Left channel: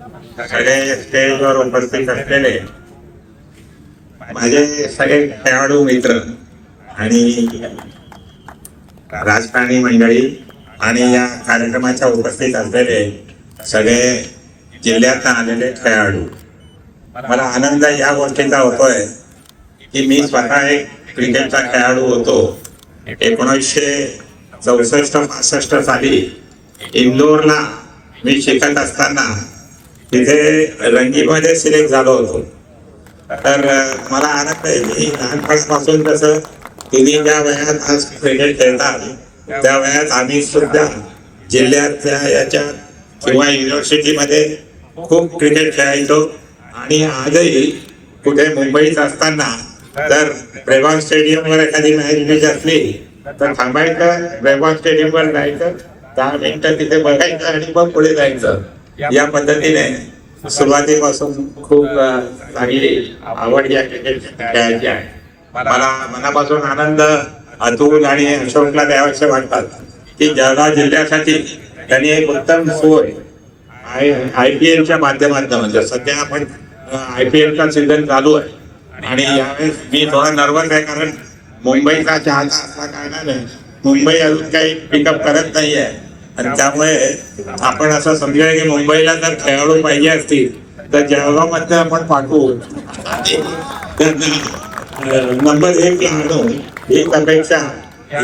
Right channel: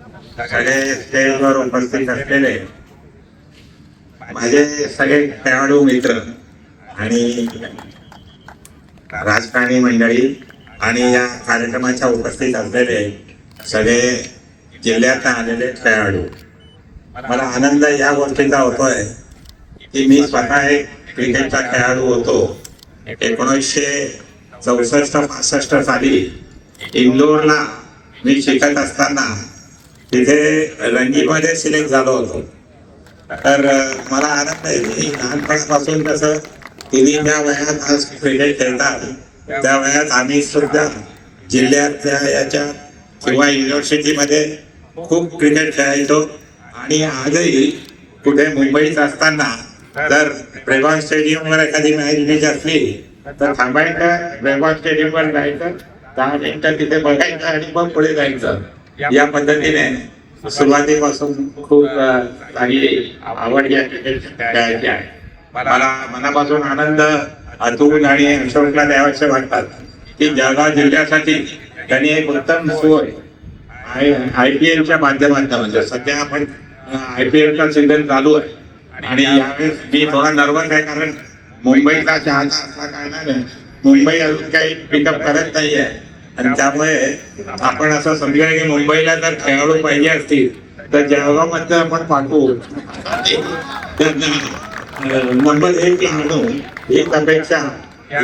सगळे स्टेजवर उपस्थित असलेले माझे सगळे खेळाडू मित्र आणि राजकारणी मंडळी आणि या कार्यक्रमाच्या उपस्थित असलेले सगळे जिल्ह्यात आलेले खेळाडू, मला आनंद या गोष्टीचा होतोय की मी स्वतः एक क्रिकेटचा खेळाडू होतो. 1964-65 साली इंदोरला मी शिकत असताना तिथे रणजीमध्ये सिलेक्ट झालो होतो. तर मला आनंद आहे की लहानपणापासून कसं तिने ज्या वयात आज क्रिकेट खेळतात त्या वयात आम्ही सुद्धा जिल्ह्यात याच्या किंवा युनिव्हर्सिटीमध्ये खूप क्रिकेट खेळायचो. आणि आजही कुठे मुंबईत असताना तर ब्रेबॉर्न स्टेडियमवर एखादी मॅच असली तर थांबायचं, ब्रेबॉर्न स्टेडियमवर जायचं, 10 मिनिटं तिथे बघायचं आणि मग पुढे जायचं. या पद्धतीने सुरुवातीपासून खूप चांगली आवड या क्रिकेट खेळायची आहे. मला मनापासून आनंद अतुल आणि अशोकला द्यावेसे वाटतात की जळगाव जिल्ह्यासाठी त्यांनी एक उत्तम सोय IPLच्या माध्यमातून, सध्या आपण IPLचा सीझन चालू आहे आणि यावेळेस मी थोडा नर्वस आहे कारण मुंबईचा चाहता असल्या कारणाने मुंबई अजून काही पिकअप करत नाही आहे. आणि त्यामुळे आपण असं समजूया की मुंबईला जर खेळाडू पाहिजे असतील तर जळगावमध्ये आपण पाठवू मंडळ हे आणू ही अपेक्षा या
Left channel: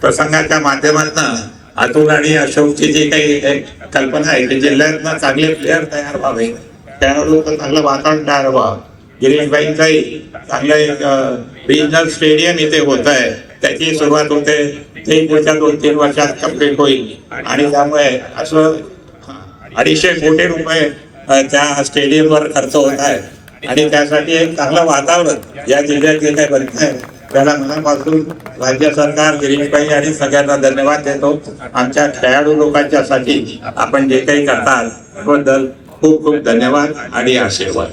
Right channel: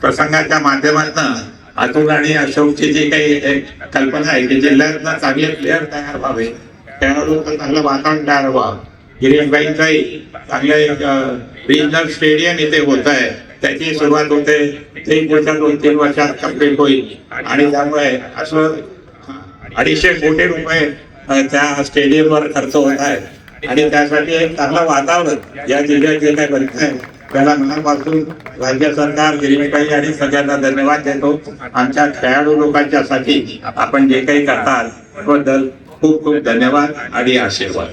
प्रसंगाच्या माध्यमातून अतुल आणि अशोकची जी काही कल्पना आहे की जिल्ह्यातनं चांगले प्लेअर तयार व्हावे, खेळाडू चांगलं वातावरण तयार व्हावं. गिरीशबाईंचाही चांगलं रिजनल स्टेडियम इथे होत आहे, त्याची सुरुवात होते, ते पुढच्या 2-3 वर्षात कंप्लीट होईल. आणि त्यामुळे असं 250 कोटी रुपये त्या स्टेडियमवर खर्च होत आहे आणि त्यासाठी एक चांगलं वातावरण या जिल्ह्यात जे काही बनत आहे त्याला मनापासून राज्य सरकार, गिरीशबाई आणि सगळ्यांना धन्यवाद देतो. आमच्या खेळाडू लोकांच्यासाठी आपण जे काही करतात त्याबद्दल खूप खूप धन्यवाद आणि आशीर्वाद.